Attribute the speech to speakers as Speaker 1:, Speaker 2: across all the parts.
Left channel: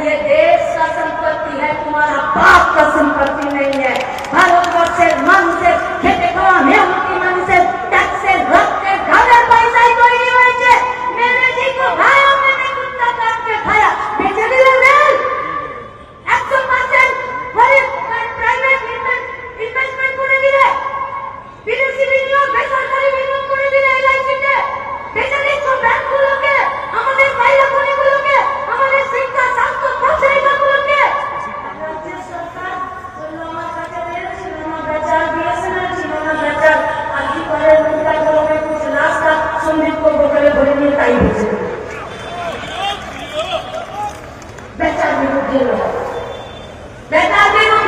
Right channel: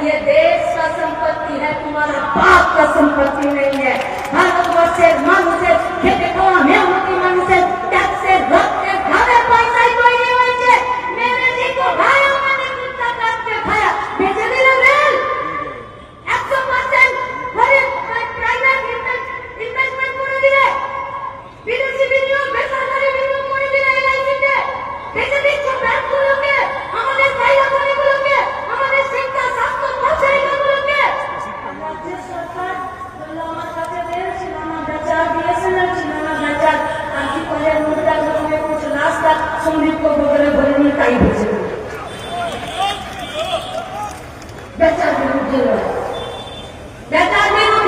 Speaker 1: ये देश का संपत्ति है तुम्हारा बाप का संपत्ति नहीं है भारतवर्ष से मन से বেসরকারি বিনিয়োগ করে দিলে এই লাইসেন্সে বেঁচে দিচ্ছ ব্যাংকগুলোকে আমাদের পাইলা করে সঙ্গে পক্ষকারে ধর্মীয় তাই হয়েছে বেচার বিরুদ্ধে বেচার বিরুদ্ধে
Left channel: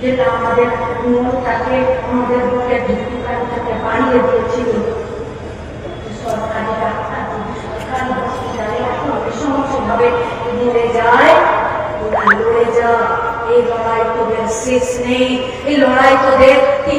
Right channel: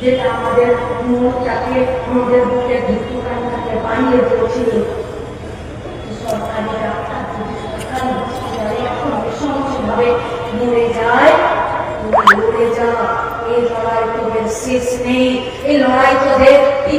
Speaker 1: যেটা আমাদের মনটাকে আমাদের বুকে ভিত্তি করে তাকে বানিয়ে দিয়েছিল সিক্স নেই এই লড়াই তোদের টি